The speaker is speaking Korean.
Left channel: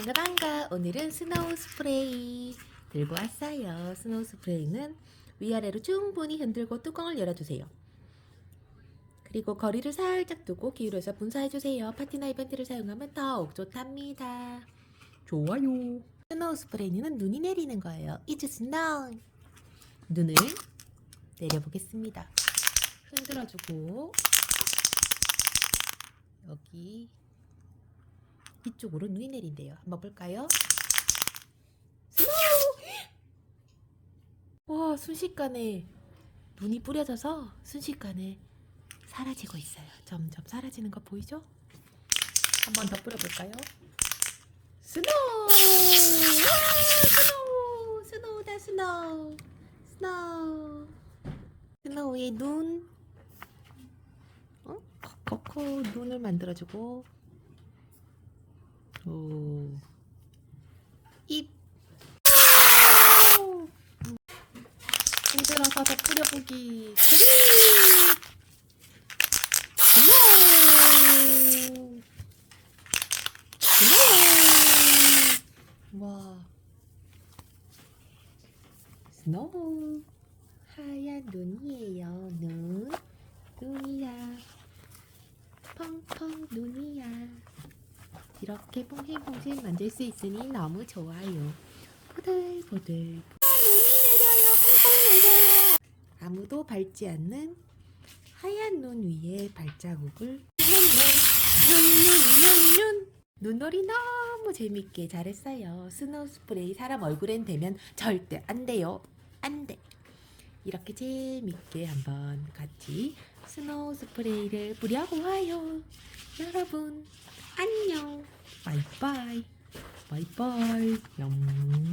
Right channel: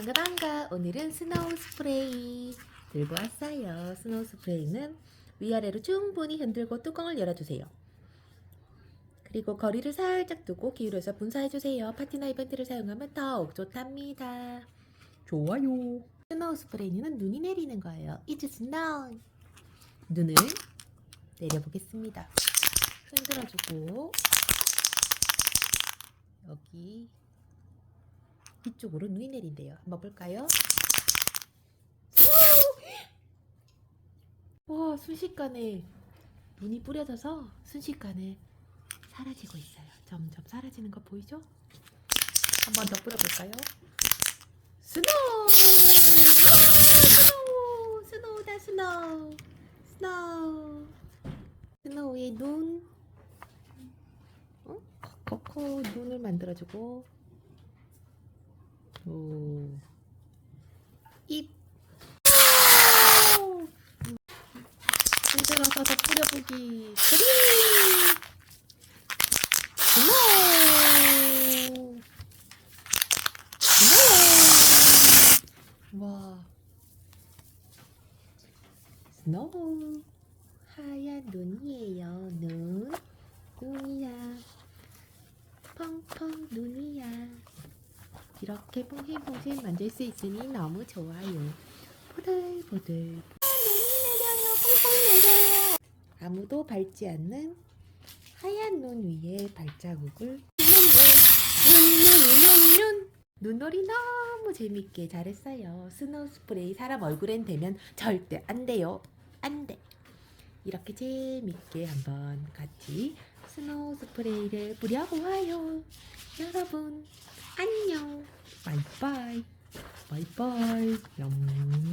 반가 반가. 오늘은 스노우 스프레이 들고 왔어요. 스노우 스프레이는 위아래로 충분히 흔들고 뚜껑을 열어주세요. 그리고 거리를 살짝 두고 기울여서 분사해주세요. 파티나 이벤트를 사용하면 더욱 좋답니다. 좋아요. 스노우 스프레이는 눈이 내리는 거예요. It's snow 눈을 내려보겠습니다. 흔들어주고. 여기 이쪽으로 눈이 내린대요. 한번 볼까요? 와 순식간에 눈이 뿌려져서 순식간에 사라지고 있어요. 점점 사라지는 거 보이죠? 한번 더 뿌려볼까요? 스노우! 와, 스노우! 스노우다 스노우! 스노우! 스노우의 눈 어? 코코 눈을 만들어주고 오. 입. 오! 흔들어서 더 뿌려보기. 그리. 스노우. 스노우. 와. 스노우. 하얀 눈이에요. 눈. 눈이야. 펑펑 눈이야. 이렇게 퐁신퐁신 만질 수 있으니 너무 좋아요. 보들보들. 아, 눈이 내려요. 펑펑 내려요. 아무도 밟지 않는 하얀 눈 위에 발자국을 눈눈눈눈눈 눈놀이 너무 재밌게 잘했어요. 스노우 스프레이 사람 얼굴엔 대면 절대 안 돼요. 안 돼. 이렇게 재밌게 한번 같이 스노우 스프레이를 뿌려보아요. 여러분 안녕. 바이바이. 바이바이. 영.